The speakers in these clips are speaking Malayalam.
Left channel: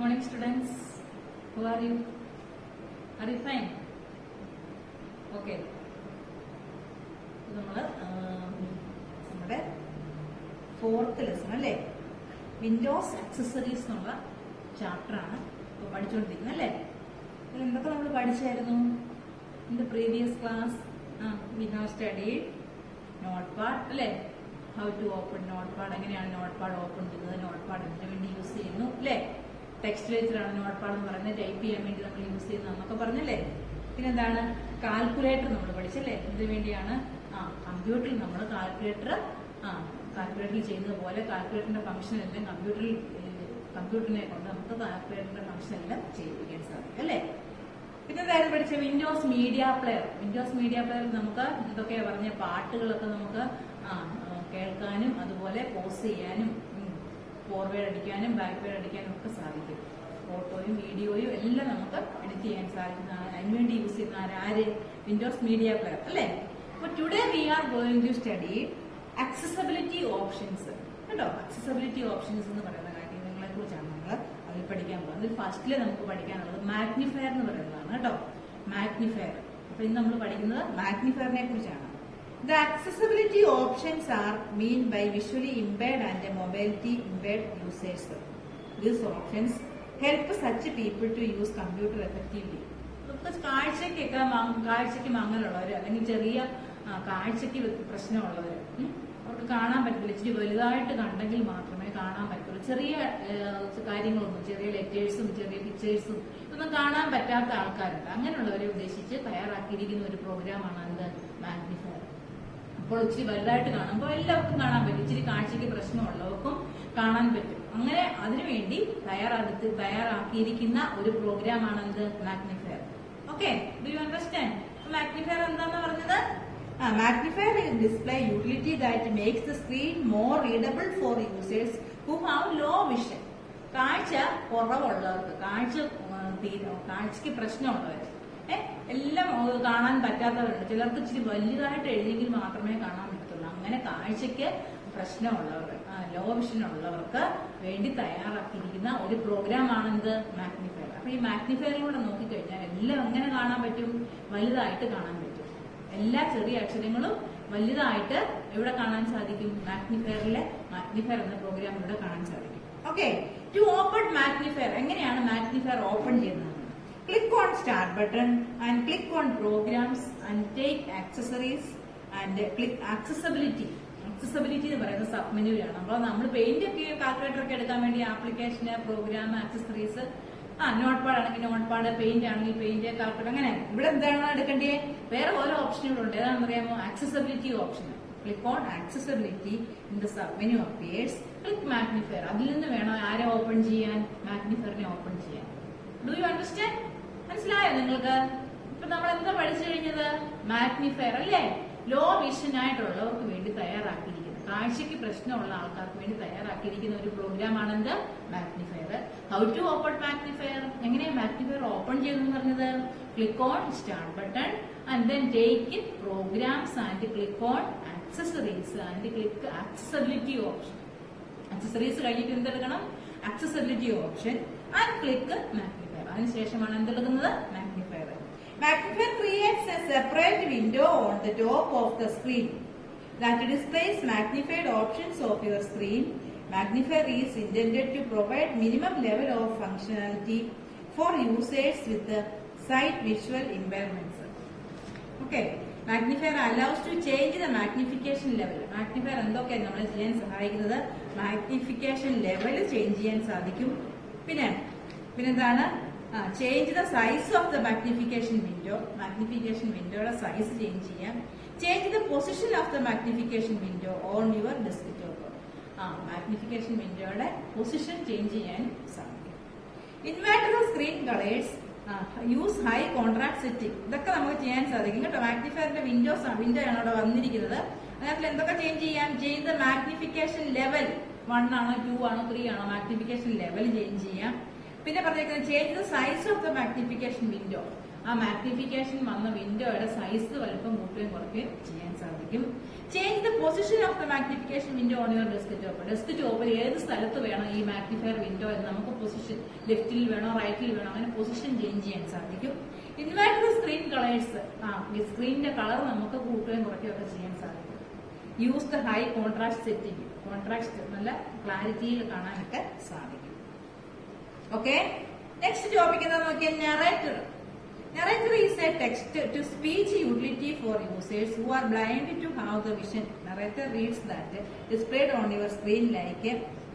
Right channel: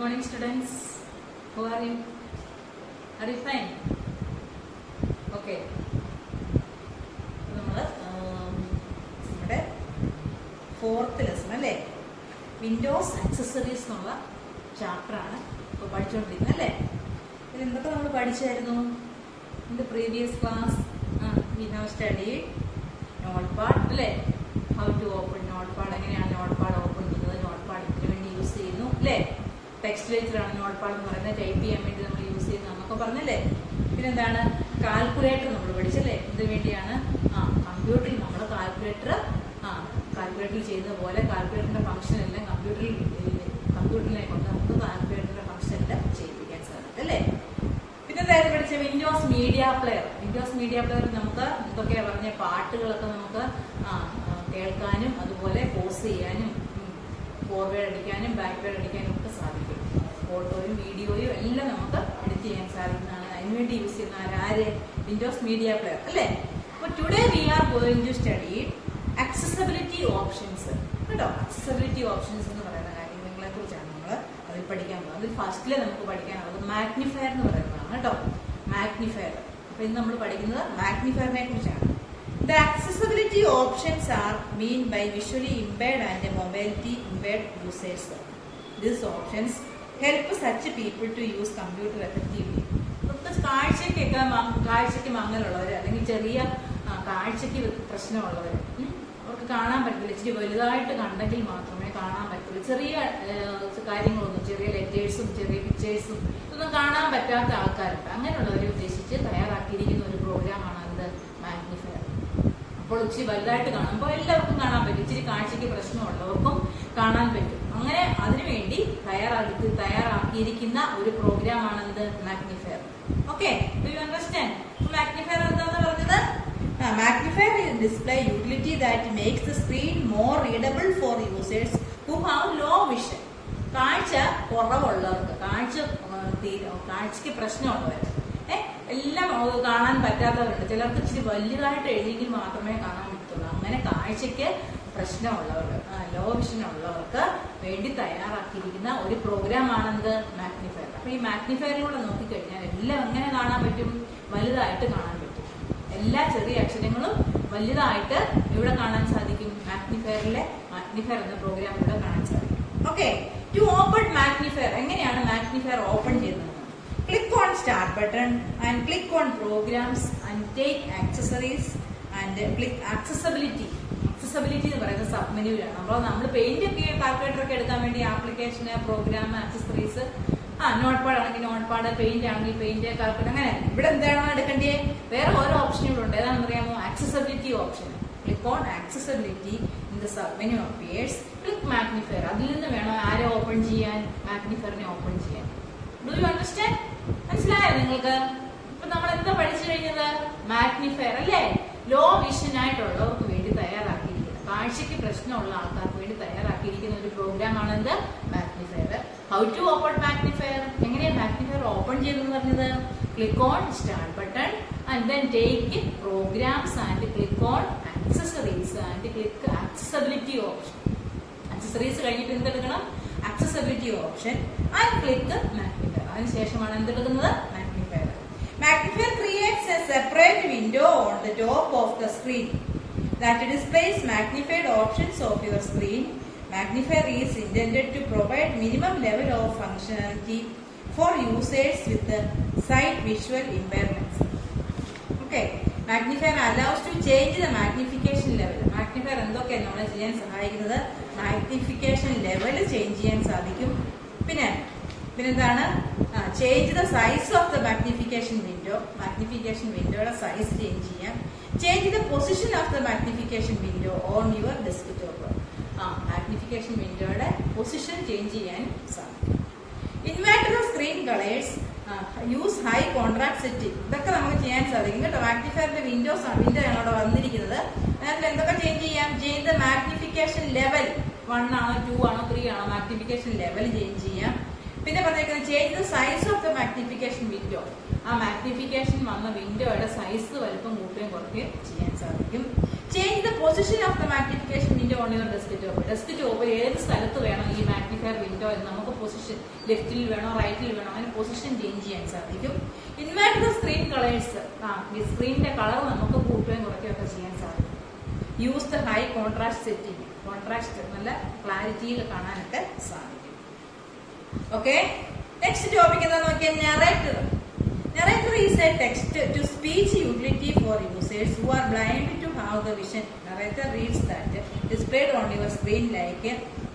morning, students. How are you? Are you fine? Okay. നമ്മുടെ ഫോർത്ത് ലെസൺ അല്ലേ, വിൻഡോസ് ആക്സസറീസ് എന്നുള്ള ചാപ്റ്ററാണ് ഇപ്പോൾ പഠിച്ചുകൊണ്ടിരിക്കുന്നത് അല്ലേ. ഇതിൽ എന്തൊക്കെ നമ്മൾ പഠിച്ചായിരുന്നു in the previous class? We have study notepad അല്ലേ, how to open notepad, എങ്ങനെയാണ് നോട്ട് പാഡ് ഓപ്പൺ ചെയ്യുന്നത്, നോട്ട് പാഡ് ഇതിനു വേണ്ടി യൂസ് ചെയ്യുന്നു അല്ലേ, ടെക്സ്റ്റ് ലെറ്ററാണ് നോട്ട് പാഡ് എന്ന് പറയുന്നത്, ടൈപ്പ് ചെയ്യാൻ വേണ്ടി നമ്മൾ യൂസ് ചെയ്യുന്നത് എന്നൊക്കെ പറഞ്ഞല്ലേ. പിന്നെന്താണ് കാൽക്കുലേറ്റർ നമ്മൾ പഠിച്ചല്ലേ, ഇതിനു വേണ്ടിയാണ് കമ്പ്യൂട്ടറിൽ നമ്മൾ കാൽക്കുലേറ്ററിൽ ചെയ്യുന്ന പോലെ കാൽക്കുലേറ്ററിന്റെ ഫംഗ്ഷൻ എല്ലാം കമ്പ്യൂട്ടറിനെ കൊണ്ട് നമുക്ക് കാൽക്കുലേറ്ററിന്റെ ഫംഗ്ഷൻ എല്ലാം ചെയ്യിപ്പിക്കാൻ സാധിക്കും അല്ലേ. പിന്നെ എന്തായാലും പഠിച്ച Windows media player. Windows media പ്ലെയറിൽ നമുക്ക് എന്തൊക്കെയാ പറഞ്ഞ പാട്ടുകളൊക്കെ നമുക്ക് കേൾക്കാനും അതുപോലെ പോസ് ചെയ്യാനും ഫോർവേഡ് അടിക്കാനും ബാക്ക്വേഡ് അടിക്കാനും ഒക്കെ സാധിക്കും. ഫോട്ടോയും വീഡിയോയും എല്ലാം നമുക്ക് എഡിറ്റ് ചെയ്യാൻ സാധിക്കുന്നതാണ്. അതിനുവേണ്ടി യൂസ് ചെയ്യുന്ന ആര്? വിൻഡോസ് മീഡിയ പ്ലെയർ അല്ലേ. അപ്പോൾ today we are going to study accessibility options കേട്ടോ. ആക്സസബിലിറ്റി ഓപ്ഷൻസ് എന്ന് പറയുന്ന കാര്യങ്ങളെ കുറിച്ചാണ് നമ്മൾ അതിൽ പഠിക്കാൻ പോകുന്നത്. അതിൽ ഫസ്റ്റില് നമുക്ക് പഠിക്കാനുള്ളത് മാഗ്നിഫയർ എന്ന് പറയുന്നതാണ് കേട്ടോ. മാഗ്നിഫയർ. അപ്പൊ ഇന്ന് നമ്മൾ പഠിക്കുന്നത് മാഗ്നിഫയറിനെ കുറിച്ചാണ്. The accessibility options are meant by visually impaired and mobility impaired users. These options help such people to use computer effectively. കാഴ്ചക്ക് മങ്ങലുള്ളവർ അല്ലെങ്കിൽ ചെറിയ കാഴ്ചക്ക് പ്രശ്നമുള്ളവർ, അവർക്ക് കാണാൻ പറ്റില്ല, ഇച്ചിരി വലുതായിട്ട് കണ്ടെങ്കിൽ മാത്രമേ കാണാൻ പറ്റുള്ളൂ. ചെറിയ കാര്യങ്ങളൊന്നും, ചെറിയ ലെറ്റേഴ്സും ചെറിയ പിക്ചേഴ്സും ഇതൊന്നും കാണാൻ പറ്റാത്ത ആൾക്കാരുണ്ട്. അങ്ങനെയുള്ളവരെ ഉദ്ദേശിച്ച് തയ്യാറാക്കിയിരിക്കുന്ന ഒരു പ്രോഗ്രാമാണ് എന്ത്? മാഗ്നിഫയർ. അപ്പോൾ ഇച്ചിരി വലുതായിട്ട് കാണുമ്പോൾ എല്ലാവർക്കും കാണാൻ പറ്റും, ഇച്ചിരി കാഴ്ചയ്ക്ക് പ്രശ്നമുള്ളവർക്കും കാണാൻ പറ്റും. അങ്ങനെ അതിനുവേണ്ടി തയ്യാറാക്കിയിരിക്കുന്ന ഒരു പ്രോഗ്രാമാണ് എന്ത്? Magnifier. Okay, do you understand? Magnifier എന്താന്ന് പറഞ്ഞത്? Magnifier is display utility that makes the screen more readable for users who have low vision. കാഴ്ച കുറവുള്ളവർക്ക്, കാഴ്ചക്ക് പ്രശ്നമുള്ളവർ, എല്ലാം കാണാൻ പറ്റാത്തവരുണ്ട്. ചിലർക്ക് ഇച്ചിരി വലുതായിട്ട് എഴുതിയെങ്കിൽ മാത്രമേ കാണാൻ പറ്റുള്ളൂ. അങ്ങനെ കാഴ്ചക്ക് പ്രശ്നമുള്ളവർക്ക്, ലോ വിഷൻ ഉള്ളവർക്ക് വേണ്ടി തയ്യാറാക്കിയിരിക്കുന്ന ഒരു പ്രോഗ്രാമാണെന്ത്? മാഗ്നിഫയർ. അപ്പൊ ഈ മാഗ്നിഫയറിലൂടെ നോക്കിക്കഴിഞ്ഞാൽ എല്ലാം എങ്ങനെ കാണാൻ പറ്റും? വലുതായിട്ട് കാണാൻ പറ്റും. എല്ലാ ചെറിയ അക്ഷരങ്ങളും വലുതായിട്ട് ഇവിടെ കാണാൻ സാധിക്കും. മാഗ്നിഫയർ എന്ന പ്രോഗ്രാമിലൂടെ കാണാൻ സാധിക്കും. Okay, to open magnifier. എങ്ങനെയാണ് മാഗ്നിഫയർ ഓപ്പൺ ചെയ്യുന്നത്? Click on start button and click on programs and take accessories and click accessibility. Accessibility എന്ന് പറയുന്നത് സബ് മെനുവിലാണ്. അപ്പോൾ നമ്മൾ പെയിന്റ് ഒക്കെ കാൽക്കുലേറ്റർ ഒക്കെ എടുക്കാൻ വേണ്ടി ആപ്ലിക്കേഷന്, പ്രോഗ്രാം, ആക്സസറീസ്, നോട്ട് പാഡ് ആണെങ്കിൽ നോട്ട് പാഡ്, പെയിന്റ് ആണെങ്കിൽ പെയിന്റ്, കാൽക്കുലേറ്റർ, അങ്ങനെ ഇവിടെ എന്താണോ എടുക്കേണ്ടത്? വേറെ ഓരോ ഓപ്ഷനുകളുണ്ട്. ഏതാണെന്ന് അറിയാമോ? Accessibility option. Click on accessibility in the sub menu appears. Click magnifier. അതിൽ നിന്ന് വേണം ആരെ ഓപ്പൺ ചെയ്യാൻ? മാഗ്നിഫയറിനെ ഓപ്പൺ ചെയ്യാൻ. Do you understand? മനസ്സിലായോ നിങ്ങൾക്ക്? ഇപ്പൊ നമ്മൾ എന്താ പഠിച്ചു കഴിഞ്ഞത്? മാഗ്നിഫയർ അല്ലേ. ലോ വിഷൻ ആയിട്ടുള്ളവർക്ക് വേണ്ടി തയ്യാറാക്കിയിരിക്കുന്ന, കാഴ്ചയ്ക്ക് പ്രശ്നമുള്ള ആൾക്കാർക്ക് വേണ്ടി തയ്യാറാക്കിയിരിക്കുന്ന ഒരു പ്രോഗ്രാം ആണ് എന്ത്? Magnifier. How to open magnifier? എങ്ങനെയാണ് മാഗ്നിഫയർ ഓപ്പൺ ചെയ്തെന്ന് പറഞ്ഞത്? Click on start button and then take programs and click on accessories and click accessibility option. Accessories കഴിഞ്ഞിട്ട് എന്തെടുക്കണം? Accessibility option and click magnifier. അതിനുശേഷമാണ് എന്തെടുക്കുന്നത്? Magnifier. Magnifier creates a separate window on the top of the screen that displays magnified options of your screen. Magnifier is intended to provide minimum level of functionality for users with sight visual impairments. Okay, magnifier allows to change the magnification level. Magnifier എന്തൊക്കെയാണ് നമ്മളെ ചെയ്യാൻ സഹായിക്കുന്നത്? മാഗ്നിഫിക്കേഷൻ ലെവൽ ചേഞ്ച് ചെയ്യാൻ സാധിക്കും. പിന്നെന്താണ്? Change the size of the magnification window. Magnification വിൻഡോയുടെ സൈസ് ചേഞ്ച് ചെയ്യാം. Change the position of the magnification window on your desktop. Magnification വിൻഡോയുടെ പൊസിഷൻ ചേഞ്ച് ചെയ്യാൻ സാധിക്കും. Inverter screen colours, use high contrast setting. ഇതൊക്കെ നമുക്ക് ചെയ്യാൻ സാധിക്കും കേട്ടോ. മാഗ്നിഫയറിന്റെ വിൻഡോ ആണ് അവിടെ വന്നിരിക്കുന്നത്. അതിൽ എന്തൊക്കെ ചേഞ്ച് ചെയ്യാം? Change the magnification level. 1 ആണോ 2 ആണോ 3 ആണോ മാഗ്നിഫിക്കേഷൻ ലെവൽ ചേഞ്ച് ചെയ്യാം. പിന്നെ പറഞ്ഞേക്കുന്നത് change the size of the magnification window. ആ മാഗ്നിഫിക്കേഷൻ വന്ന വിൻഡോയുടെ സൈസ് വലുപ്പം കൂട്ടുകയും കുറയ്ക്കുകയും ചെയ്യാൻ സാധിക്കും. Change the position of the magnification window on your desktop. Desktop ഏത് സ്ഥലത്ത് വേണം ഈ മാഗ്നിഫയർ വിൻഡോ എന്ന് നമുക്ക് പൊസിഷൻ, ലെഫ്റ്റിൽ വേണോ റൈറ്റിൽ വേണോ അങ്ങനെ പൊസിഷൻ ചേഞ്ച് ചെയ്യാൻ സാധിക്കും. ഇൻവേർട്ട് ദ സ്ക്രീൻ കളേഴ്സ്, സ്ക്രീനിന്റെ കളർ നമുക്ക് കൂട്ടുകയും കുറയ്ക്കുകയും ഒക്കെ ചെയ്യാൻ സാധിക്കും. Use the high contrast setting, contrast നല്ല ക്ലാരിറ്റിയിൽ കാണാനൊക്കെ സാധിക്കും. ഓക്കെ, നെക്സ്റ്റ് ടോപ്പിക് എന്താ നോക്കിയാൽ narrator. Narrator is a text-to-speech utility for users who are blind to have the vision. Narrator reads that displayed on your screen like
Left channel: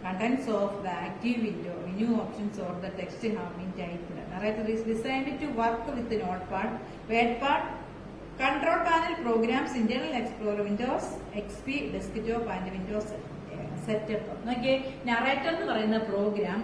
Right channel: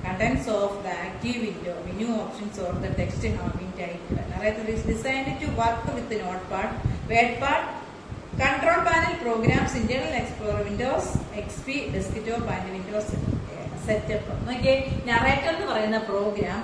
contents of the active window, menu options or the text having typed. Narrator is designed to work with the Notepad, WordPad, Control Panel programs, Internet Explorer, Windows XP, Desktop and Windows Setup. Okay, narrator എന്ന് പറയുന്ന program.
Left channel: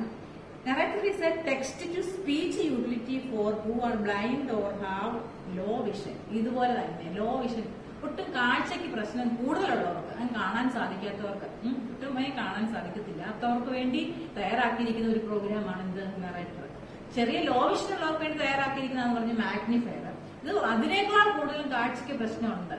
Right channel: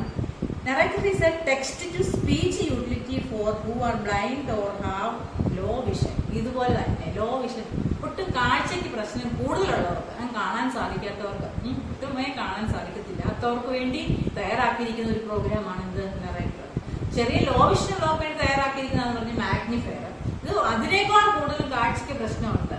Narrator is a text-to-speech utility for who are blind or have low vision. ഇതുപോലെ തന്നെ ലോ വിഷൻ, ഒട്ടും കാഴ്ചയ്ക്ക് പ്രശ്നം കൂടുതലുള്ളവർക്ക്, കാണാൻ സാധിക്കാത്തവർക്ക്, കൃത്യമായി കാണാൻ സാധിക്കത്തില്ലാത്തവർക്ക് വേണ്ടി തയ്യാറാക്കിയിരിക്കുന്ന ഒരു പ്രോഗ്രാമാണ് ഇത് നറേറ്റർ. ചെറിയ ലോ വിഷൻ ഉള്ളവർക്ക് വേണ്ടി തയ്യാറാക്കിയിരിക്കുന്നതെന്ന് പറഞ്ഞ് മാഗ്നിഫയർ. ഇത് അതിനേക്കാൾ കൂടുതൽ കാഴ്ചയ്ക്ക് പ്രശ്നമുണ്ട്,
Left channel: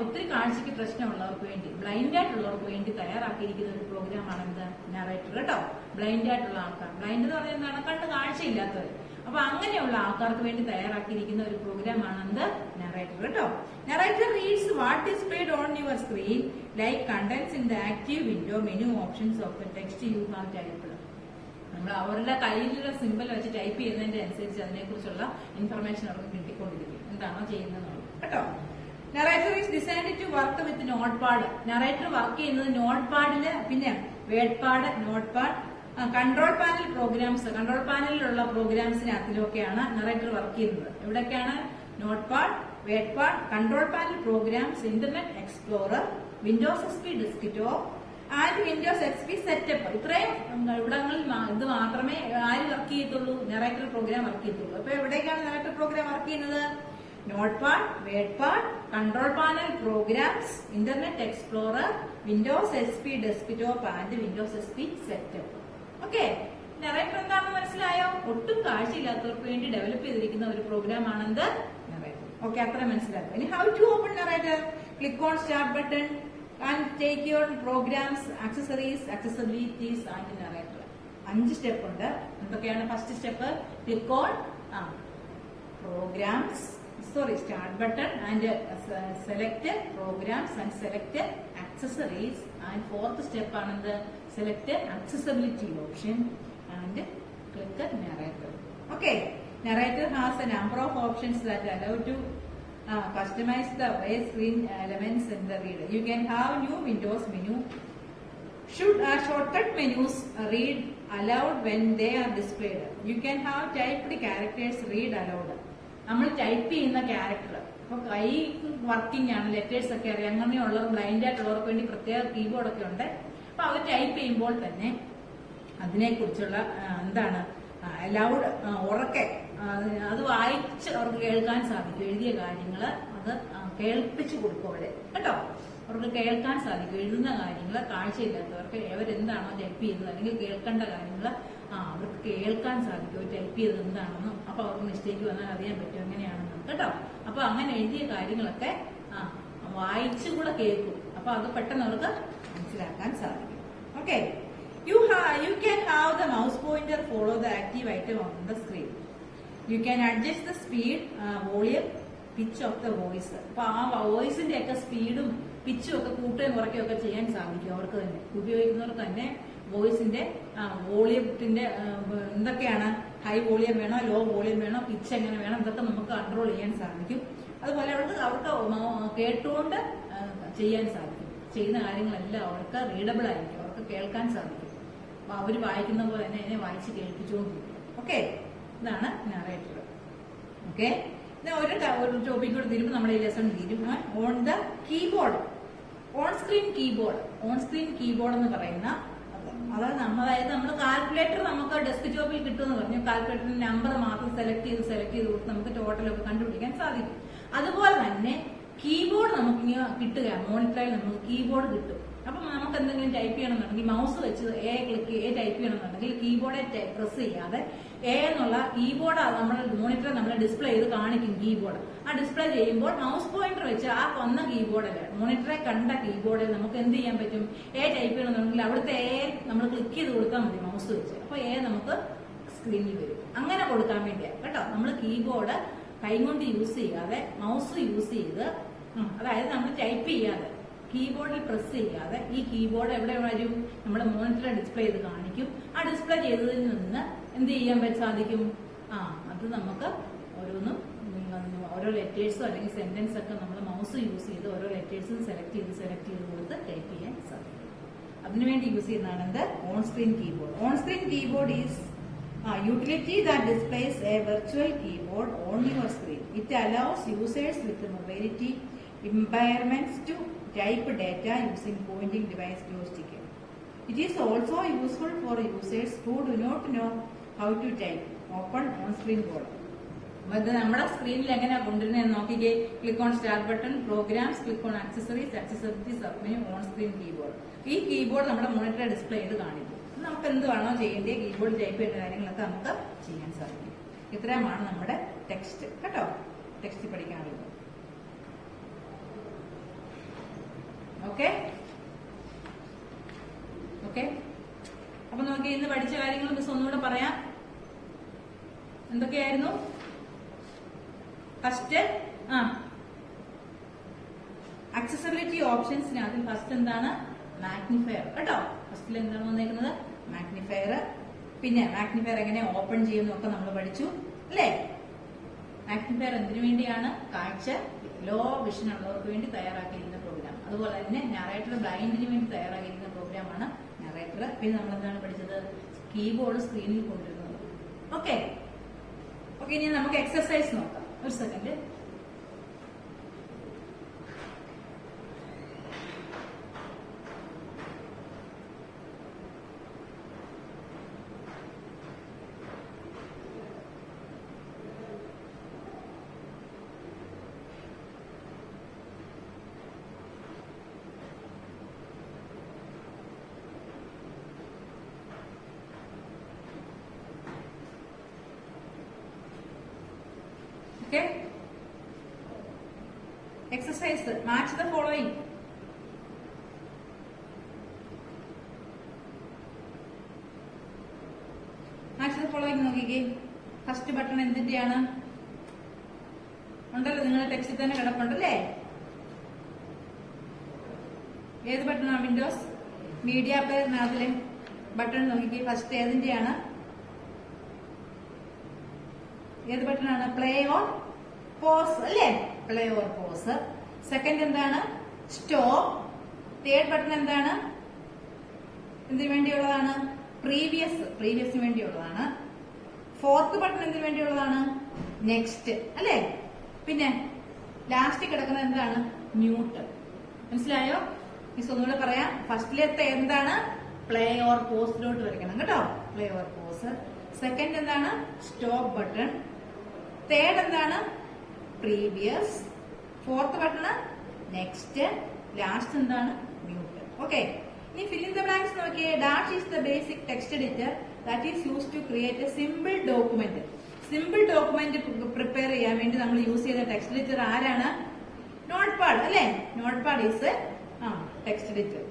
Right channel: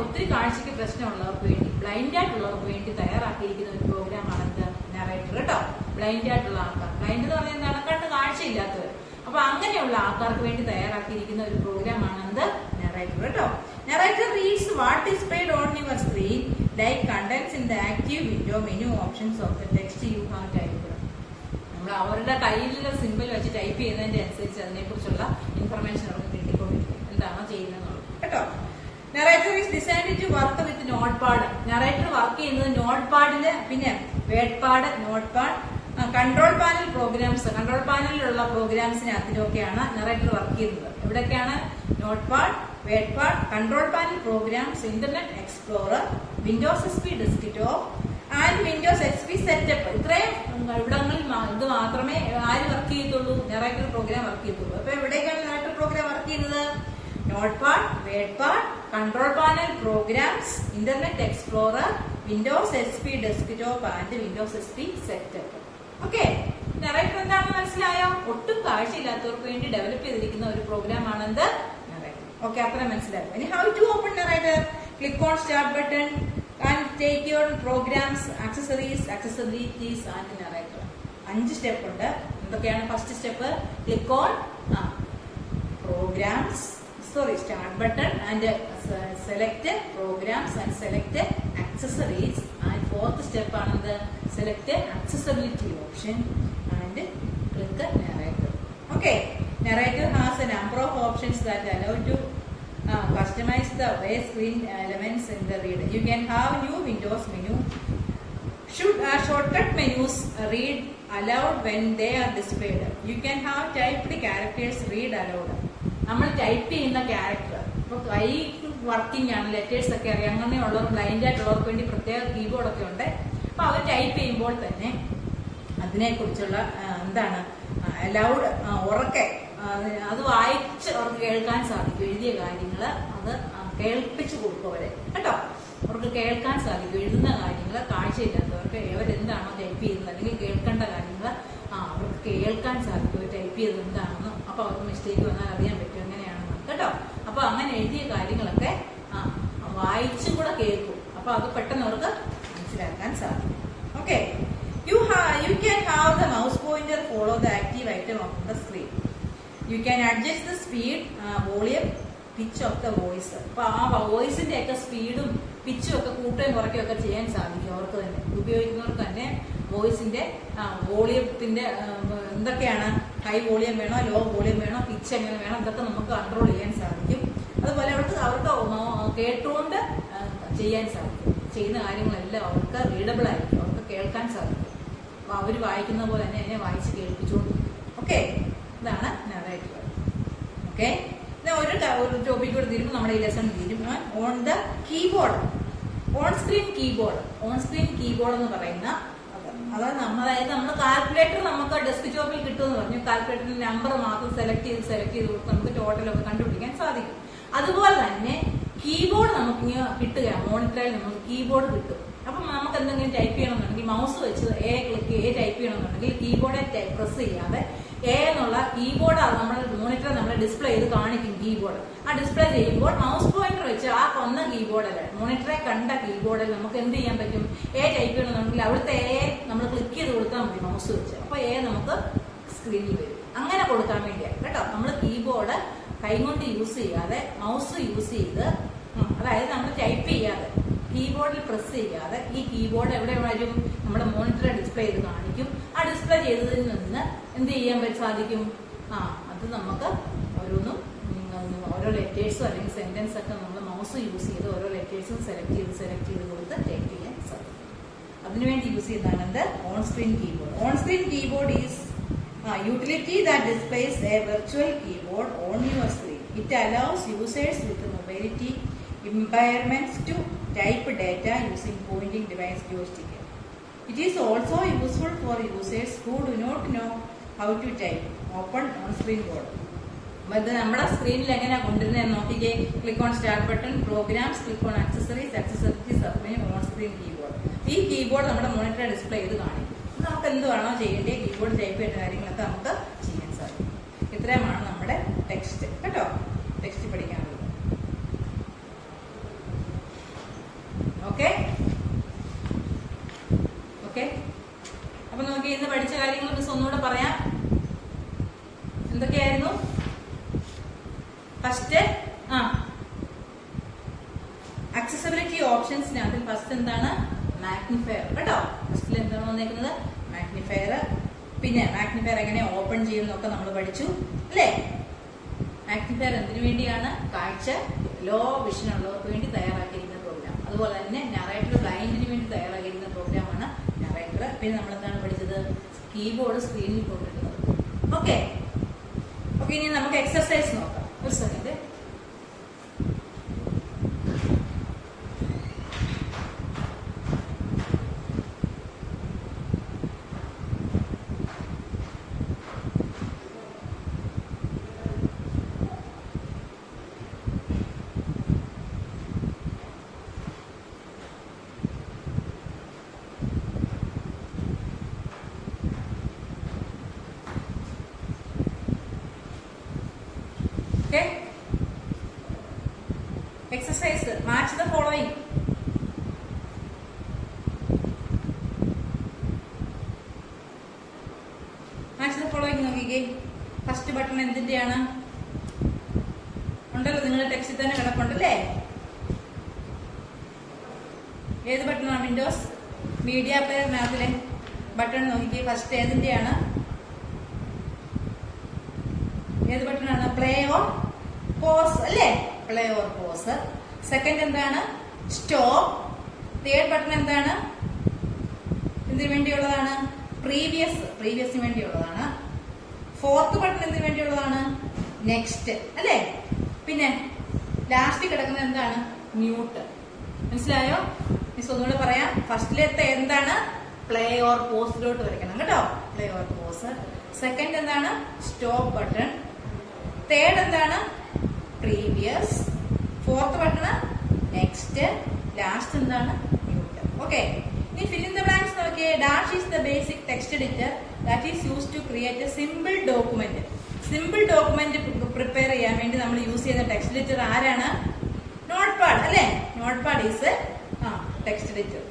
ഒത്തിരി കാഴ്ചയ്ക്ക് പ്രശ്നമുള്ളവർക്ക് വേണ്ടി, ബ്ലൈൻഡ് ആയിട്ടുള്ളവർക്ക് വേണ്ടി തയ്യാറാക്കിയിരിക്കുന്ന ഒരു പ്രോഗ്രാമാണ് എന്ത് നറേറ്റർ കേട്ടോ. ബ്ലൈൻഡ് ആയിട്ടുള്ള ആൾക്കാർ, ബ്ലൈൻഡ് എന്ന് പറഞ്ഞാൽ എന്താണ്, കണ്ട് കാഴ്ചയില്ലാത്തവർ, അപ്പൊ അങ്ങനെയുള്ള ആൾക്കാർക്ക് വേണ്ടി തയ്യാറാക്കിയിരിക്കുന്ന ഒരു പ്രോഗ്രാമാണ് എന്ത് നറേറ്റർ കേട്ടോ. Narrator reads what is displayed on your screen like contents in the active window, menu options of the text you have typed. നമ്മൾ അവരുടെ കയ്യിലുള്ള സിമ്പിൾ വെച്ച് ടൈപ്പ് ചെയ്യുന്നതിന്റെ അനുസരിച്ച് അതിനെക്കുറിച്ചുള്ള ഇൻഫർമേഷൻ അവർക്ക് കിട്ടിക്കൊണ്ടിരിക്കും, എന്താണോ ചെയ്യുന്നത് കേട്ടോ. Narrator is designed to work with notepad. Narrator work ചെയ്യുന്നത് നോട്ട്പാഡില്, പിന്നെ wordpad, notepad, control panel programs, control പാനലിലുള്ള പ്രോഗ്രാംസിനകത്തിലൊക്കെയാണ് നറേറ്റർ വർക്ക് ചെയ്യുന്നത്. എവിടെയൊക്കെയാണ്? Notepad, wordpad, control panel programs, Internet Explorer, Windows XP desktop and Windows XP setup. ഇത്രയും ഇവിടങ്ങളിൽ ഇത് മാത്രമേ ആര് വർക്ക് ചെയ്യത്തുള്ളൂ? നറേറ്റർ പ്രോഗ്രാം വർക്ക് ചെയ്യത്തുള്ളൂ. അപ്പൊ എവിടേക്കാണ് നറേറ്റർ പ്രോഗ്രാം വർക്ക് ചെയ്യുന്നത്? Notepad, wordpad, control panel programs, Internet Explorer, Windows XP desktop and Windows XP setup. Okay, narrator എന്താണെന്ന് മനസ്സിലായോ? ഒട്ടും കാഴ്ചയില്ലാത്തവർക്ക് വേണ്ടി ഡെവലപ്പ് ചെയ്തിരിക്കുന്ന ഒരു പ്രോഗ്രാം ആണെന്ത് നറേറ്റർ. ഓക്കെ, അത്ര മനസ്സിലാക്കും. ഇനി how to open narrator? Click on start button and take your programs, accessibilities and narrator. 5 step ഉണ്ട്. എന്തൊക്കെയാണ്? First step click on programs, start button and select programs and select accessories, and fourth step ആണ് the select accessibility option and click narrator. Okay, narrator has a number of options that allow to customize the way screen elements in the reader. You can have new windows menu, should shortcut menus read aloud when they are displayed. You can have typed characters read aloud. നമ്മൾ ടൈപ്പ് ചെയ്യുന്ന ക്യാരക്ടർ, ഇപ്പൊ കൈ വർക്കിംഗ് ആണ്, ലെറ്റേഴ്സ് ഒക്കെ അറിയാം, അങ്ങനെയുള്ളവർ ബ്ലൈൻഡ് ആയിട്ടുള്ളവർക്ക് വേണ്ടി പ്രത്യേക കീബോർഡൊക്കെ ഉണ്ട്. അപ്പൊ അവർ ടൈപ്പ് ചെയ്യുമ്പോൾ തന്നെ അതിനെക്കുറിച്ചുള്ള എന്താണ് ലൗഡ്, ഉറക്കെ അത് വായിച്ച് അവർക്ക് കേൾക്കാൻ സാധിക്കും. എഴുതിയ കാര്യങ്ങൾ അത് കേൾപ്പിച്ചു കൊടുക്കും അവരെ കേട്ടോ. അവർക്ക് കേൾക്കാൻ സാധിക്കും. എഴുതുന്ന കാര്യങ്ങൾ കാഴ്ചയില്ലാത്തവർക്ക് അവരെന്താണോ ടൈപ്പ് ചെയ്യുന്നത് അല്ലെങ്കിൽ കേൾക്കേണ്ട കാര്യങ്ങൾ അവർക്ക് കേൾക്കാൻ സാധിക്കും ടൈപ്പ് ചെയ്തത് എന്താണെന്ന്. അപ്പൊ അവർക്ക് മിസ്റ്റേക്ക് വന്നാൽ അറിയാൻ പറ്റും എങ്ങനെയാണെന്ന് കേട്ടോ. അപ്പൊ അങ്ങനെ എഴുതിയ കാര്യങ്ങളൊക്കെ വായിച്ചും കൂടെ കേൾക്കും. അപ്പൊ അത് പെട്ടെന്ന് അവർക്ക് മനസ്സിലാക്കാൻ സാധിക്കും. Okay, you can have the mouse pointer follow the active item on the screen. You can adjust the speed, volume, pitch of the voice. അപ്പൊ ആ വോയിസിന്റെ ഒക്കെ സ്പീഡും പിച്ചും ഒക്കെ കൂട്ടുകയും കുറയ്ക്കുകയും ഒക്കെ ചെയ്യാൻ സാധിക്കും അവർക്ക് തന്നെ, ഉപയോഗിക്കുന്നവർക്ക് തന്നെ. വോയിസിന്റെ വോളിയത്തിന്റെ എന്തൊക്കെയാണ്, ഹൈ വോളിയം വേണോ, ലോ വോളിയം വേണോ, പിച്ച് എങ്ങനെ വേണം, ഇതൊക്കെ നമുക്ക് കൺട്രോൾ ചെയ്യാൻ സാധിക്കും. അതുപോലെ അവർക്ക് കേട്ടുകൊണ്ട് ചെയ്യാൻ സാധിക്കും. ചെയ്യുന്ന കാര്യങ്ങളെല്ലാം അവർക്ക് റീഡബിൾ ആയിരിക്കും, അവർക്ക് കേൾക്കാൻ സാധിക്കും. അപ്പൊ അവർ വായിക്കുന്ന പോലെ തന്നെ അതിനെ വായിച്ച് കേൾപ്പിച്ചുകൊണ്ട്. ഓക്കെ, ഇതാണ് നറേറ്റർ. ഓക്കെ, ഒരു ടോപ്പിക് കൂടെ തീരുമ്പോൾ നമ്മുടെ ഈ ലെസൺ തീരും. On the keyboard, on screen keyboard. On screen keyboard എന്ന് പറയുന്ന അതായത് നമ്മൾ കാൽക്കുലേറ്റർ നമുക്ക് ഡെസ്ക്ടോപ്പിൽ കിട്ടുമെന്ന് പറഞ്ഞു. കാൽക്കുലേറ്ററിന്റെ നമ്പർ മാത്രം സെലക്ട് ചെയ്ത് കൊടുത്ത് നമുക്ക് ടോട്ടലൊക്കെ കണ്ടുപിടിക്കാൻ സാധിക്കും. അതുപോലെ തന്നെ കീബോർഡ് നമുക്ക് കിട്ടുകയാണ്. മോണിറ്ററിൽ നമുക്ക് കീബോർഡ് കിട്ടും. അപ്പം നമുക്ക് എന്തെങ്കിലും ടൈപ്പ് ചെയ്യണമെന്നുണ്ടെങ്കിൽ മൗസ് വെച്ച് എ ടൈപ്പ് ചെയ്യണമെന്നുണ്ടെങ്കിൽ കീബോർഡ് പ്രസ് ചെയ്യാതെ എ എന്നുള്ള കീബോർഡ് നമ്മൾ മോണിറ്റർ നമ്മളെ ഡിസ്പ്ലേ ചെയ്ത് കാണിക്കും. കീബോർഡ് ആ ഡിസ്പ്ലേ ചെയ്യുമ്പോൾ മൗസ് പോയിന്റർ വെച്ച് ആ കൊന്ന കീബോർഡിൽ മോണിറ്ററെ കണ്ട കീബോർഡിൽ നമുക്ക് എന്ത് ചെയ്യാൻ പറ്റും? എ ടൈപ്പ് ചെയ്യണമെന്നുണ്ടെങ്കിൽ അവിടുത്തെ എ നമ്മൾ ക്ലിക്ക് ചെയ്ത് കൊടുത്താൽ മതി മൗസ് വെച്ച്. അപ്പൊ എ നമുക്ക് സ്ക്രീനിൽ വരും. അങ്ങനെ കൊടുക്കാൻ വേണ്ടിയാണ് കേട്ടോ. നമ്മൾ കീബോർഡ് കൈകൊണ്ട് യൂസ് ചെയ്യാതെ മൗസ് യൂസ് ചെയ്ത്, അതായത് നമ്മൾ ടൈപ്പ് ചെയ്യാതെ കീബോർഡിൽ പ്രസ് ചെയ്യാതെ ഈ കീബോർഡ് എവിടെ വരും? നമ്മുടെ മോണിറ്ററെ ഡിസ്പ്ലേ ചെയ്ത് കാണിക്കും. ആ ഡിസ്പ്ലേ ചെയ്തതിൽ നിന്ന് എന്ത് ചെയ്യാൻ സാധിക്കും? അത് നമുക്ക് ഓരോ ലെറ്റേഴ്സും അല്ലെങ്കിൽ സെന്റൻസ് ഒക്കെ നമ്മൾ മൗസ് യൂസ് ചെയ്ത് ഓരോ ലെറ്റേഴ്സും സെലക്ട് ചെയ്ത് കൊടുത്ത് ടൈപ്പ് ചെയ്യാൻ സാധിക്കും. അതിനുവേണ്ടി യൂസ് ചെയ്യുന്നതാണ് എന്ത്? On screen keyboard. On screen keyboard is utility that displays a virtual keyboard on your screen. It allows users with mobility impairments to type data using pointing device joystick. It is also useful for users who do not know how to type. Open on-screen board. ഇത് നമ്മുടെ സ്ക്രീനിൽ എങ്ങനെയാ കൊണ്ടുവരുന്നത് നോക്കിക്കേ. Click on start button, programs, click on accessories, submenu, on screen keyboard. ഈ കീബോർഡ് നമ്മുടെ മോണിറ്റർ ഡിസ്പ്ലേ ചെയ്ത് കാണിക്കും. നമുക്ക് എന്ത് വേണോ ചെയ്യേണ്ടത് കീബോർഡ് ടൈപ്പ് ചെയ്യുന്ന കാര്യങ്ങളൊക്കെ നമുക്ക് ചെയ്യാൻ സാധിക്കും. ഇത്രയുമാണ് നമ്മുടെ ടെക്സ്റ്റ് കേട്ടോ. ടെക്സ്റ്റ് പഠിക്കാനുള്ളത്. ഓക്കെ ഓക്കെ അപ്പൊ നോക്കി ഇന്ന് പഠിച്ച കാര്യങ്ങൾ മിസ് ഒന്നുകൂടെ പറയാം. എന്തൊക്കെയായിരുന്നു? ഫസ്റ്റ് അക്സസിബിലിറ്റി ഓപ്ഷൻസിനകത്ത് ഫസ്റ്റ് എന്താണ്? മാഗ്നിഫയർ കേട്ടോ. ഫസ്റ്റിൽ എന്താണ് വന്നേക്കുന്നത്? മാഗ്നിഫയർ. പിന്നെ മാഗ്നിഫയർ എങ്ങനെ ഓപ്പൺ ചെയ്യുന്നൊക്കെ നമ്മൾ പഠിച്ചു അല്ലേ? മാഗ്നിഫയർ എന്തിനു വേണ്ടിയാണ്? കാഴ്ച ലോ വിഷൻ ഉള്ളവർക്ക് വേണ്ടി തയ്യാറാക്കിയിരിക്കുന്ന പ്രോഗ്രാം. അതുപോലെ തന്നെ നറേറ്റർ ബ്ലൈൻഡിന് വേണ്ടി തയ്യാറാക്കിയിരിക്കുന്ന പ്രോഗ്രാമാണ് നറേറ്റർ. പിന്നെ നമ്മൾ എന്താണ് പഠിച്ചത്? കീബോർഡ് സ്ക്രീനിൽ കൊണ്ടിരുന്നത്. ഓക്കെ ഓക്കെ ഇനി നമുക്ക് എക്സർസൈസ് നോക്കാം. ഒരു second. Okay. Exercise. Match the following. Match the following നോക്കിക്കേ. ഫസ്റ്റ് ബട്ടൺ എന്തിന്റെയാണ്? ഉണ്ടല്ലോ നിങ്ങളുടെ ടെക്സ്റ്റിൽ തന്നെ കിടപ്പുണ്ടല്ലേ? ഏത് ബട്ടണാണ്? വിൻഡോസ് മീഡിയ പ്ലെയറിനകത്തിലെ ബട്ടൺ നോക്കിക്കേ. ഫസ്റ്റ് ഏതിന്റെയാണ്? ഏത് ബട്ടണാണ്? പ്ലേ ഓർ പോസ് അല്ലേ? Play or pause. സെക്കൻഡ് എന്താണ്? സ്റ്റോപ്പ്. തേർഡ് ബട്ടൺ എന്താണ്? എന്തിനു വേണ്ടിയുള്ളതാണ്? പ്രീവിയസിന് വേണ്ടിയുള്ളതാണ്. ഫോർത്ത് ബട്ടൺ എന്തിനു വേണ്ടിയുള്ളതാണ്? നെക്സ്റ്റ് അല്ലേ? പിന്നെ ലാസ്റ്റ് കിടക്കുന്നത് എന്താണ്? മ്യൂട്ട്. മനസ്സിലായോ? മിസ് ഒന്നുകൂടെ പറയാം. ഫസ്റ്റിലത്തെ എന്താണ്? പ്ലേ ഓർ പോസിലോട്ട് വരയ്ക്കണം കേട്ടോ. Play or pause. സെക്കൻഡ് എന്താണ്? Stop button. തേർഡ് എന്താണ്? Previous. Fourth button next. Last എന്താണ്? മ്യൂട്ട്. ഓക്കെ ഇനി ഫിൽ ഇൻ ദ ബ്ലാങ്ക്സ് നോക്കിയേ. Dash is the basic text editor that is use to create a simple document. Simple document prepare ചെയ്യാൻ വേണ്ടി നമ്മൾ യൂസ് ചെയ്യുന്ന ടെക്സ്റ്റ് എഡിറ്റർ ആരാണ്? നോട്ട്പാഡ് അല്ലേ? Notepad is text editor.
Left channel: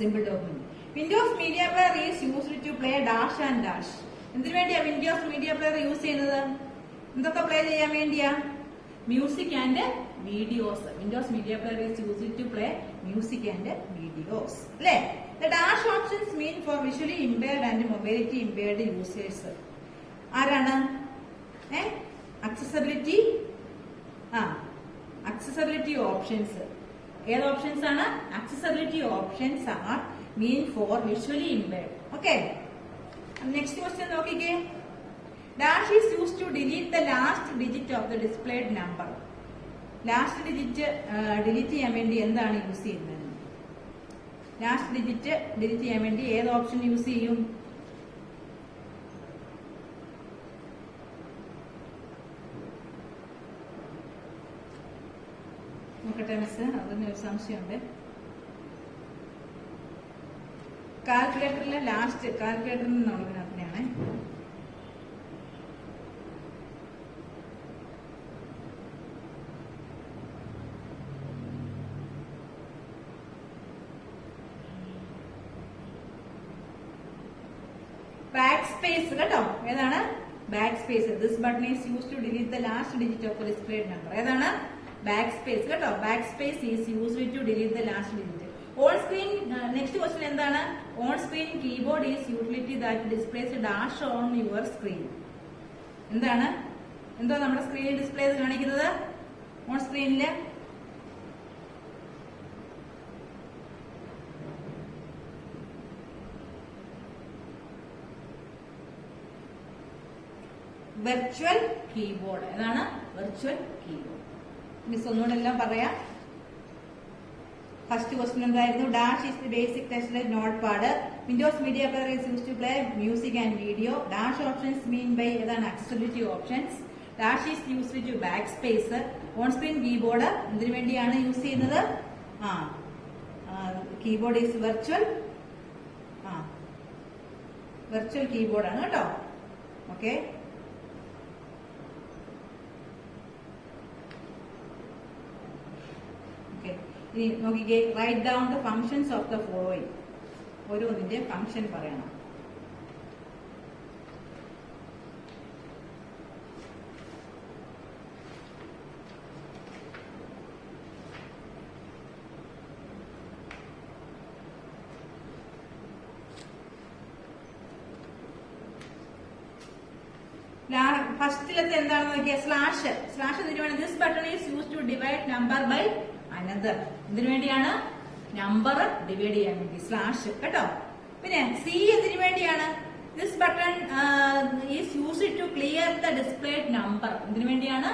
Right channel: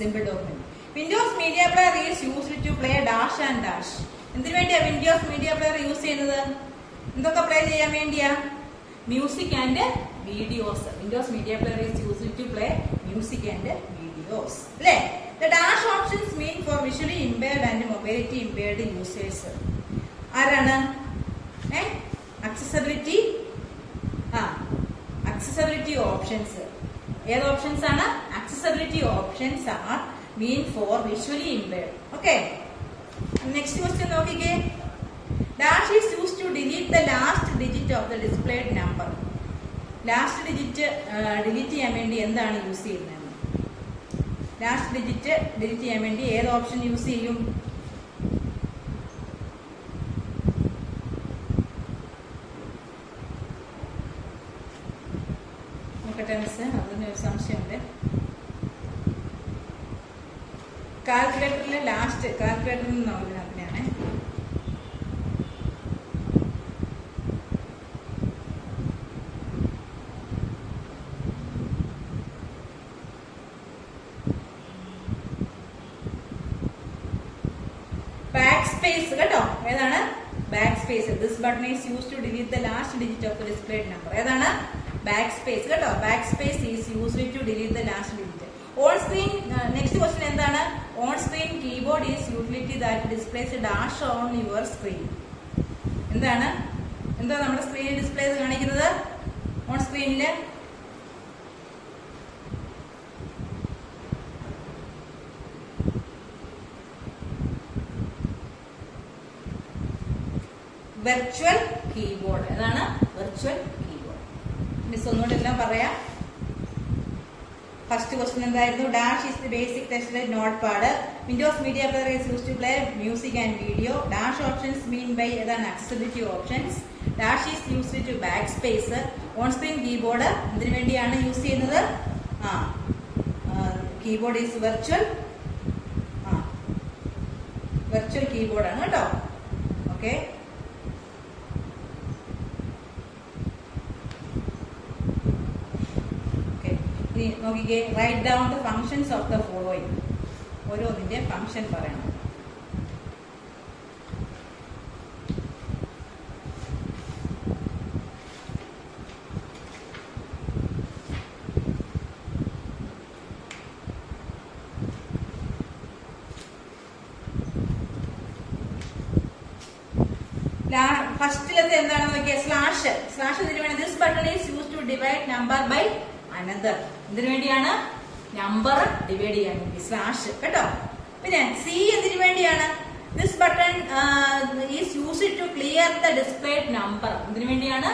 Simple document. Windows media player is used to play dash and dash. എന്തിനു വേണ്ടിയാ വിൻഡോസ് മീഡിയ പ്ലെയർ യൂസ് ചെയ്യുന്നത്? എന്തൊക്കെ പ്ലേ ചെയ്യാൻ വേണ്ടിയാ? Music and videos. Windows media player is used to play music and videos അല്ലേ? The dash options mean for visually impaired and mobility impaired users. ആരാണ്? അക്സസിബിലിറ്റി. Accessibility options. ഏത് ഓപ്ഷൻസ് ആണ്? Accessibility options are mean for visually impaired. Okay next question നോക്കിക്കേ. Dash is used to delete the last digit of the displayed number. Last digit delete ചെയ്യാൻ വേണ്ടി എന്താണ് യൂസ് ചെയ്യുന്നത്? ലാസ്റ്റ് ഡിജിറ്റ് ഡിലീറ്റ് ചെയ്യാൻ വേണ്ടി ഏത് ഓപ്ഷൻ യൂസ് ചെയ്യും? നോക്കട്ടെ മിസ്, അതിന് ഒരു സംശയമുണ്ട്. കാൽക്കുലേറ്ററിലെ ലാസ്റ്റ് കാൽക്കുലേറ്ററിൽ നിന്നുള്ള ഇതിനകത്തിനാണ്. ബാക്ക് സ്പേസ് കേട്ടോ, ഏതാണ് backspace. This button is use to delete the last digit of the displayed number. ഏതാണ് ബാക്ക് സ്പേസ് കേട്ടോ. Backspace is used to delete the last digit. On screen next question എന്താണ്? On screen keyboard is utility that displays dash on your screen. എന്താണ് എന്താ നമ്മുടെ സ്ക്രീനിൽ ഡിസ്പ്ലേ ചെയ്ത് കാണിക്കുന്നത്? ഓൺ സ്ക്രീനില് വെർച്വൽ കീബോർഡ്. ഏതാണ് വെർച്വൽ കീബോർഡ്? മിസ് ഒന്നുകൂടെ എല്ലാം പറയാം. ഫസ്റ്റ് ക്വസ്റ്റ്യൻ എന്തായിരുന്നു? Dash is the basic text notepad. Windows media player is use to play music and video. Dash options mean by ഏതാണ്? Accessibility options. Dash is used to backspace. On screen keyboard എന്തിനു വേണ്ടിയാണ് യൂസ് ചെയ്യുന്നത്? കീബോർഡ് ഈസ് വെർച്വൽ വെർച്വൽ കീബോർഡാണ് കേട്ടോ. ഓക്കെ, ഇനി നോക്കിക്കേ. Write down the functions of the following. ഓരോന്നിന്റെ ഫങ്ഷൻ പറയണം. ഫസ്റ്റിലത്തെ എന്താണെന്ന് നോക്കിയാൽ സ്ലാഷ്. സ്ലാഷ് എന്തിനു വേണം? This button is use to divide number by another. എന്തിനു വേണ്ടിയാണ്? നമ്പർ ഡിവൈഡ് ചെയ്യാൻ വേണ്ടി സ്ലാഷ് കേട്ടോ. പിന്നെ സി എന്തിനു വേണ്ടിയാണ്? This button is used to clear the displayed number. എന്തിനു വേണ്ടിയാണ്?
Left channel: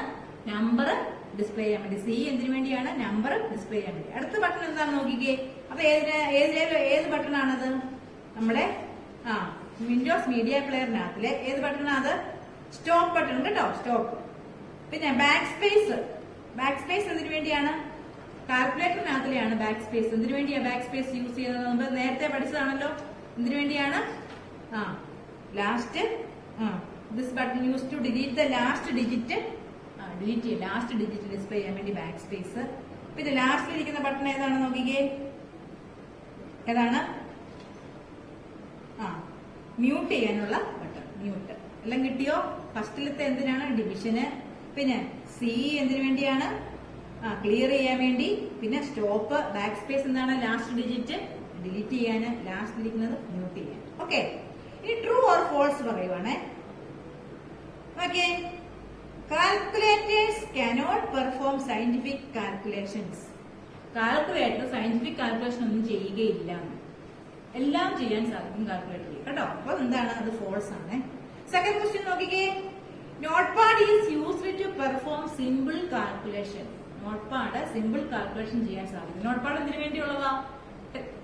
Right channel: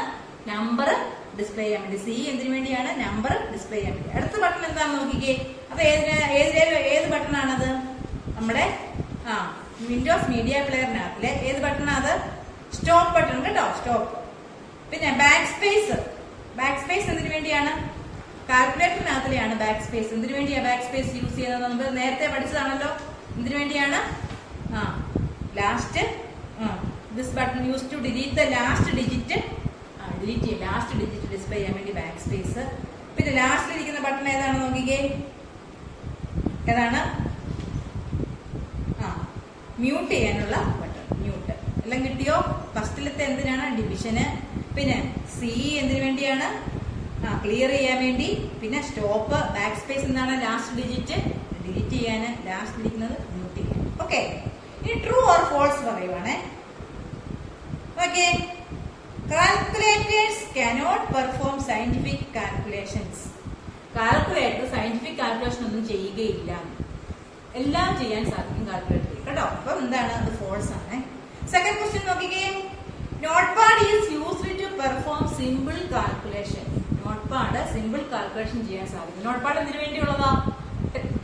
നമ്പർ ഡിസ്പ്ലേ ചെയ്യാൻ വേണ്ടി. സി എന്തിനു വേണ്ടിയാണ്? നമ്പർ ഡിസ്പ്ലേ ചെയ്യാൻ വേണ്ടി. അടുത്ത ബട്ടൺ എന്താണെന്ന് നോക്കിക്കേ. അത് ഏത് ബട്ടൺ ആണത്? നമ്മുടെ വിൻഡോസ് മീഡിയ പ്ലെയറിനകത്തിലെ ഏത് ബട്ടണാ അത്? സ്റ്റോപ്പ് ബട്ടൺ കേട്ടോ, സ്റ്റോപ്പ്. പിന്നെ ബാക്ക് സ്പേസ്. ബാക്ക് സ്പേസ് എന്തിനു വേണ്ടിയാണ്? കാൽക്കുലേറ്ററിനകത്തിലെയാണ് ബാക്ക് സ്പേസ്. എന്തിനു വേണ്ടിയാ ബാക്ക് സ്പേസ് യൂസ് ചെയ്യുന്നത്? നമ്മൾ നേരത്തെ പഠിച്ചതാണല്ലോ. എന്തിനു വേണ്ടിയാണ്? Last this button use to delete the last digit. Delete ചെയ്യാം, ലാസ്റ്റ് ഡിജിറ്റ് ഡിസ്പ്ലേ ചെയ്യാൻ വേണ്ടി ബാക്ക് സ്പേസ്. പിന്നെ ലാസ്റ്റിലിരിക്കുന്ന ബട്ടൺ ഏതാണ് നോക്കിക്കേ. ഏതാണ്? മ്യൂട്ട് ചെയ്യാനുള്ള ബട്ടൺ, മ്യൂട്ട്. എല്ലാം കിട്ടിയോ? ഫസ്റ്റിലത്തെ എന്തിനാണ്? ഡിവിഷന്. പിന്നെ സി എന്തിനു വേണ്ടിയാണ്? ക്ലിയർ ചെയ്യാൻ വേണ്ടി. പിന്നെ സ്റ്റോപ്പ്. ബാക്ക് സ്പേസ് എന്താണ്? ലാസ്റ്റ് ഡിജിറ്റ് ഡിലീറ്റ് ചെയ്യാൻ. ലാസ്റ്റ് ഇരിക്കുന്നത് മ്യൂട്ട് ചെയ്യാൻ. ഓക്കെ, ഇനി ട്രൂ ഓർ ഫോൾസ് പറയുവാണേ. Okay, calculators cannot perform scientific calculations. Calculator scientific calculation ഒന്നും ചെയ്യുകയില്ല. എല്ലാം ചെയ്യാൻ സാധിക്കും കാൽക്കുലേറ്ററിൽ കേട്ടോ. അപ്പൊ എന്താണ്? അത് ഫോൾസ് ആണ്. സെക്കൻഡ് ക്വസ്റ്റ്യൻ നോക്കിക്കേ. Notepad is used to perform simple calculation. Notepad simple calculation ചെയ്യാൻ സാധിക്കും. നോട്ട് പാഡ് എന്തിനു വേണ്ടിയുള്ളതാ?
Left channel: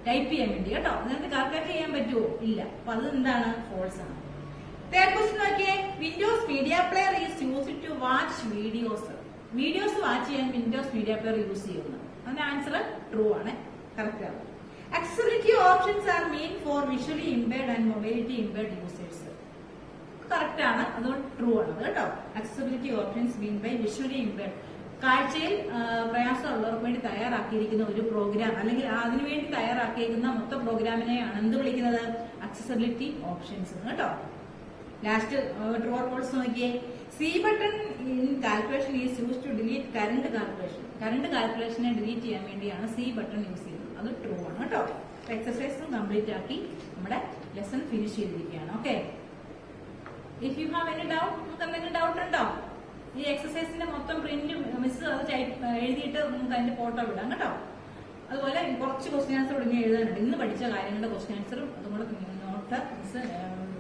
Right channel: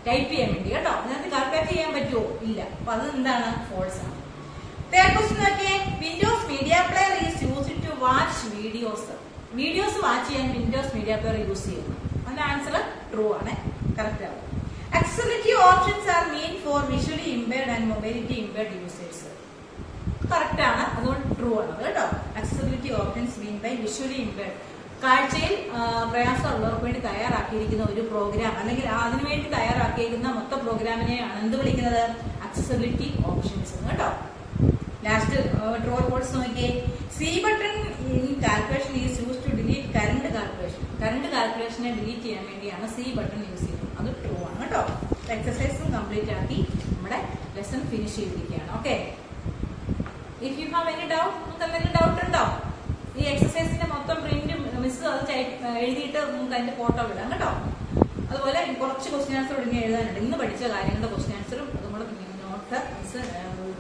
ടൈപ്പ് ചെയ്യാൻ വേണ്ടി കേട്ടോ. അതിനകത്ത് കാൽക്കുലേറ്റ് ചെയ്യാൻ പറ്റുമോ? ഇല്ല. അപ്പൊ അത് എന്താണ്? ഫോൾസ് ആണ്. തേർഡ് ക്വസ്റ്റ്യൻ നോക്കിയേ. Windows media player is used to watch videos. Videos watch ചെയ്യാൻ വിൻഡോസ് മീഡിയ പ്ലെയർ യൂസ് ചെയ്യുന്നു. അതിന്റെ ആൻസർ ട്രൂ ആണ്, കറക്റ്റ് ആവും. Accessibility options are meant for visually impaired and mobility impaired users. Correct ആണ്, അതുകൊണ്ട് ട്രൂ ആണ് കേട്ടോ. Accessibility options mean by visually impaired. കാഴ്ചയിൽ പ്രയാസമുള്ളവർക്ക് വേണ്ടി തയ്യാറാക്കിയിരിക്കുന്ന ഒരു പ്രോഗ്രാം അല്ലെങ്കിൽ അതിനുവേണ്ടി തയ്യാറാക്കിയിരിക്കുന്ന മൊത്തം പ്രോഗ്രാമിനെയാണ് എന്ത് വിളിക്കുന്നത്? അക്സസിബിലിറ്റി ഓപ്ഷൻസ് കേട്ടോ. ലാസ്റ്റ് ട്രൂ ഓർ ഫോൾസ് നോക്കിയേ. C button in calculation is use to delete current calculation. Current കാൽക്കുലേഷനെ ഡിലീറ്റ് ചെയ്യാൻ വേണ്ടിയാണ് സി ബട്ടൺ യൂസ് ചെയ്യുന്നത്. അത് ട്രൂ ആണ് കേട്ടോ. എക്സസൈസും കംപ്ലീറ്റ് ആക്കി നമ്മുടെ ലെസൺ ഫിനിഷ് ചെയ്തിരിക്കുകയാണ്. Okay, if you have any doubt, നിങ്ങൾക്ക് എന്തെങ്കിലും ഡൗട്ട് ഉണ്ടോ? ഈ എക്സസൈസിന്റെ മൊത്തം പ്രിന്റ് മിസ് അത് എഴുതിയിട്ട് നമുക്ക് അതിന്റെ ഫോട്ടോ വിടാം കേട്ടോ. അതുപോലെ കുറച്ച് ക്വസ്റ്റ്യൻ ആൻസർ ഇനി എഴുതാനുണ്ട്. ഇന്ന് പഠിച്ച കാര്യങ്ങളുടെ ക്വസ്റ്റ്യൻ ആൻസറും അതുപോലെ നോട്ട് മിസ്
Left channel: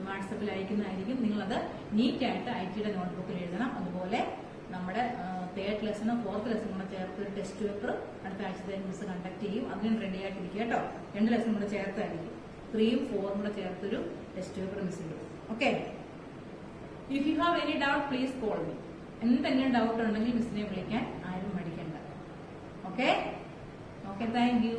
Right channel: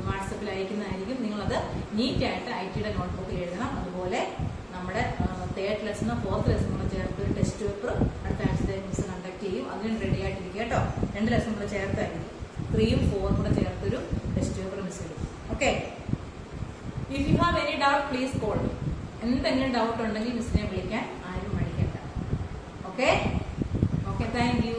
വാട്സപ്പിൽ അയക്കുന്നതായിരിക്കും. നിങ്ങളത് നീറ്റായിട്ട് IT-യുടെ നോട്ട്ബുക്കിൽ എഴുതണം. അതുപോലെ നമ്മുടെ തേർഡ് ലെസണോ ഫോർത്ത് ലെസൺ കൂടെ ചേർത്ത് ഒരു ടെസ്റ്റ് പേപ്പർ അടുത്ത ആഴ്ചത്തെ മിസ് കണ്ടക്ട് ചെയ്യും. അതിനും റെഡി ആയിട്ടിരിക്കുക കേട്ടോ. 2 ലെസൺ കൂടെ ചേർത്തായിരിക്കും. 3ഉം 4ഉം കൂടെ ചേർത്തൊരു ടെസ്റ്റ് പേപ്പർ മിസ് ചെയ്യും. Okay, if you have any doubt please call me. എന്തെങ്കിലും ഡൗട്ട് ഉണ്ടെങ്കിൽ മിസ്സിനെ വിളിക്കാൻ ആരും മടിക്കണ്ട. Okay, thank you.